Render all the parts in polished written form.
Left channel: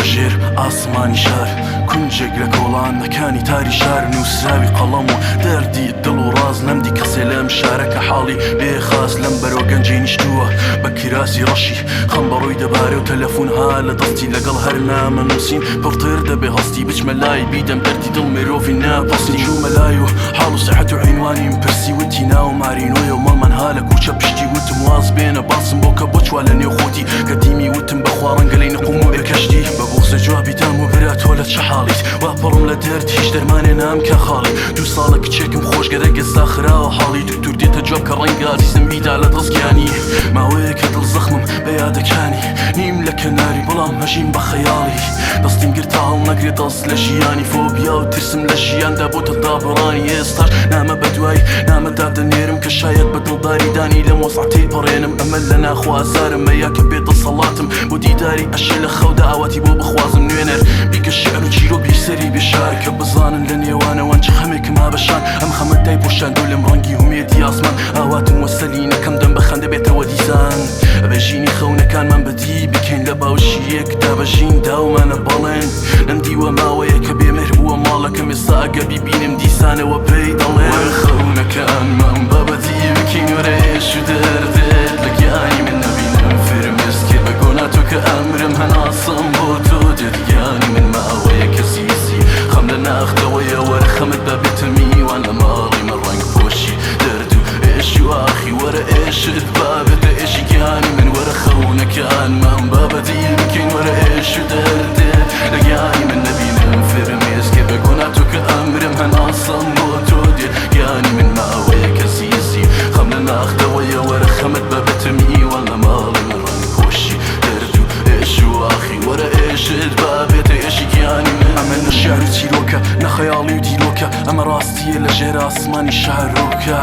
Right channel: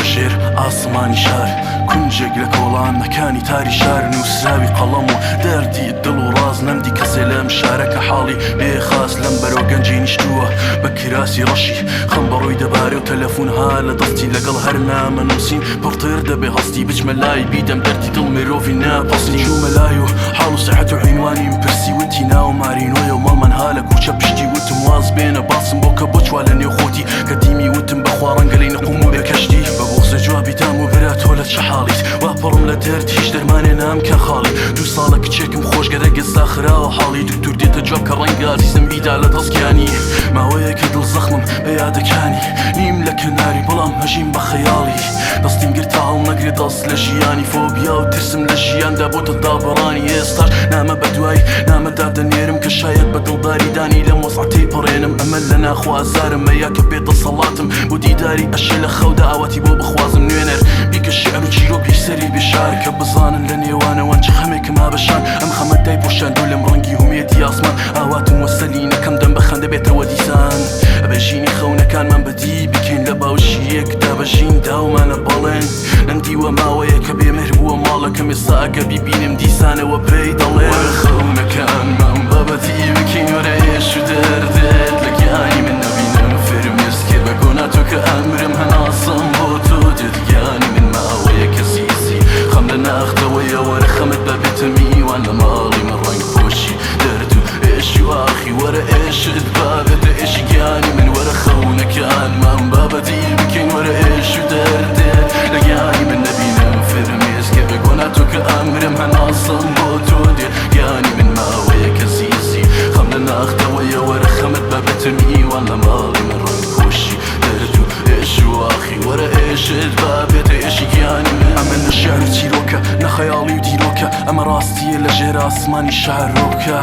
لەژێر ئاسمانی شار کونجێک لە کۆڵانەکانی تاری شار نووسراوی قەڵەم و دەردی دڵ و ڕاز نەمدی کەسێ لەم شارەکە حاڵی بێخاس لەم بەرەو گەنجی نیشتووە بە کراسی ڕەشی خەم بەڕۆی دەبارێ و تەلەفۆنها لە دەستی لەگەڵ هەر نامە نووسین پڕتر دەبێ هەستی بچمە لای بیدەم دەردی دڵ مرۆڤی ناپەسین چوومە لای و حاڵ و سەحەت و عینوانیم پرسی وتی ناو مارینۆیە و مەڵمەنها لە کوچە پشتی وتم واز بێنە باسم بۆ کە بۆ چوا لە نێو خۆتی کە دیمی وتم بەخوا ڕەنگە لەی نەقوم و بێ کەشتی بە بوغزە جوابی دام و برا تۆ لە چه حاڵیت وا پڕم لە دەرد هیچ دەرمانێ نام کە خاڵی دوو ساڵە کچێکم خۆشگەرە گەستا خراوە حاڵی دکتور دێتە جواب کە ڕەنگە ئاریسم بیدا لە دەستگیانی ماوەیە کە دڵ زەخمم بە یادەکانی نیم لە کەناری بەڵام هەژیم بە خەیاڵی دەستیم گرتا هەڵ نەگرێت دەست لە ژیانی فۆبیا و ترسم لە ژیاندا بۆتە دابڕانی ئێستاش نامە بەدوای نامەدا دەنێرم کە شاید بە دڵداری دانی لەم وەسعەتەی پەڕێنم ئەمە لە ناخوازارم مەیا کە بێتە سەڵاتم بۆ دیداری ئەشێ لە خەودا ئاواتی بۆ بخوازم نوێنەر بیکە شێعر و چیرۆک بیسەری بێشار کە بزانن لە نێوانەوەن چ خەمێکم هابەشان ئەم خەمە دای پۆشاندۆ لەم ڕەنگی هومێتی ئاسمان ئاواتم وەسەلی نەکەم دەم بە خەندە بێتەوە دیسان ئەبەژینی خەونەکانمان بەدی بکەین لە باوشی یەکدا بەژین داومانە بەڵێن نەمدیوە ماوەیە کە بێمەهر بووە ماڵەکەم ئێستا ئەگە بیبینم دیسانەوە پێی دەڵێن وەرە خەونەکانمان بەبەدی بکەین وەرە ئێش و دەردێت لە گیانی من نەبینم فرمێز کرد بە گۆنا تۆ کە ئەمرم هەناسم بۆ تۆ دێت گیانی من ماوەیە کە سیسی خەم لە ناختەوەیە وەرە خەمت بەبێتە میوان لە ماڵی من ڕنگ پۆشی دەرد و ئێشی و ئاخی وەرە ئێشت بابێتە ئێشی گیانی من وەرە خەونەکانمان بابەدی بکەین وەرە ئێش و دەردێت لە گیانی من نەبینم فرمێز کرد بە گۆنا تۆ کە ئەمرم هەناسم بۆ تۆ دێت گیانی من ماوەیە کە سیسی خەم لە ناختەوەیە وەرە خەمت بەبێتە میوان لە ماڵی من ڕنگ پۆشی دەرد و ئێشی و ئاخی وەرە ئێشت بابێتە ئێشی گیانی من ئەمە نە شێعر و چیرۆکە نە خەیاڵی و دیرۆکە ئەمە ڕاستیە لە ژێر ئاسمانی شارۆکە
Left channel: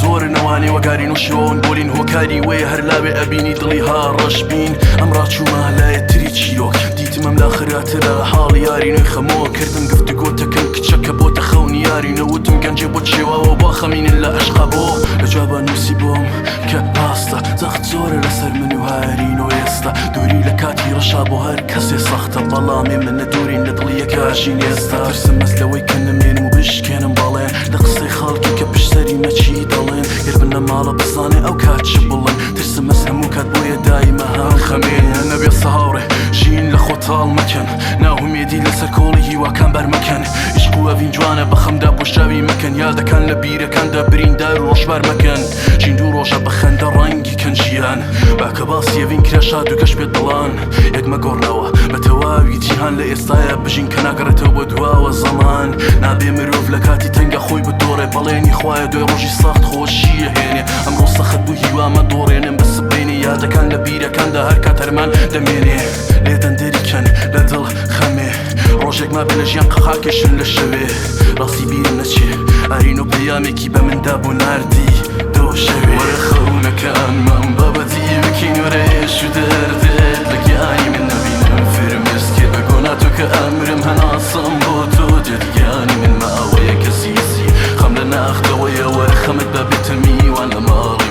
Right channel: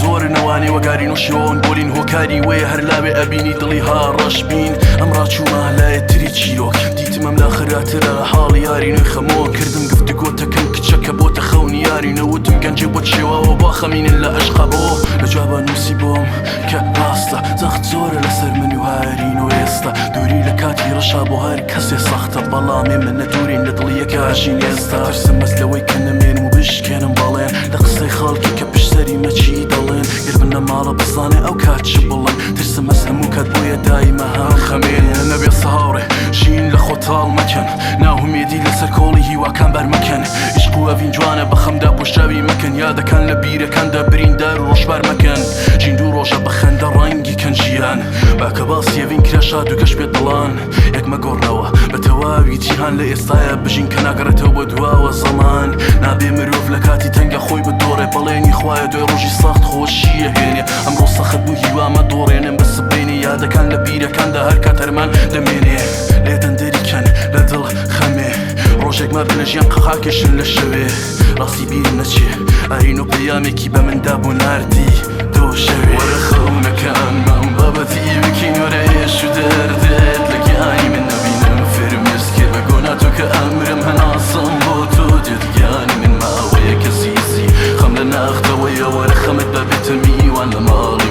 زۆر نەوانێ وەگاری نۆشەوەون بۆلین هۆکاری وەیە هەر لاوێ ئەبینی دڵی ها ڕەش بین ئەم ڕاچوومە لایەتری چیرۆک دیتمەم لا خراترە لە حاڵی یاری نوێی خەمەوە کردم گفتگۆتەکەم کچەکە بۆتە خەونی یاری نەوتم گەنجێ بۆ شێواوە با خەمینن لە عەشقا بۆ لە جوابە نووسی بۆم کە ڕاستە زەخت زۆرە لەسەر من و هارین و ئێستا دووری لە کاتی ڕەشا بۆ هەر کەسێ سەختە بەڵامێ من نەدورین لە دڵی یەکاشین ئێستا ترسم مەس لەوەی کە نەمێنم و بشکێنم بەڵێن لە قسەی خەڵکی کە پشتەری مەچی دەڵێن گەر بنە ماڵە بزانێ ئەو کات چ بڵێن ترسم مەس هەموو کات بۆیە دایمە هەم خەمێنە نەبێ سەهاوڕێ ژین لە خۆتاڵ مەکەن ناهومێدی لەسەر کۆڵی هیواکان بەرمەکەن عشق و ئەڤین جوانە بە خەمدا پۆشاوی مەکەن یادەکان لە بیرەکاندا بریندار و ڕۆژبار مەکەن ژین دوو ڕۆژە بە خەندە ڕەنگی کەنجیان باکە باسی ئەڤین کرا شاد و گەشت پێت دڵان یەکمە گۆڕنەوە بە تەواوی جیهان لە ئێستایە بژین کە ناگەڕێتەوە بۆ دواوە زەمان نابێ مرۆڤ لە کاتی تەنگە خۆی بەدۆڕێ بەڵێنی خوایە دوێ ڕۆژی سەخت خۆشیە هێنێ ئەمڕۆ سەخت بوو هیوامە دۆڕێنم بە سبەینێ یادەکان لە بیرەکاندا هەر کات هەرمان دەمێنێ لێ دەندەریکەن لە دڵ خەمێ ڕۆژێک ما بە لە ژیان قەقاکێشن لە شەوێ ڕاستی بیرم نەچێ ئارین و پەیامێکی بە مندا بوو ناردی دۆ شەوێ وەرە خەونەکانمان بابەتی بکەین وەرە ئێش و دەردێت لە گیانی من نەبینم فرمێز کرد بە گۆنا تۆ کە ئەمرم هەناسم بۆ تۆ دێت گیانی من ماوەیە کە سیسی خەم لە ناختەوەیە وەرە خەمت بەبێتە میوان لە ماڵی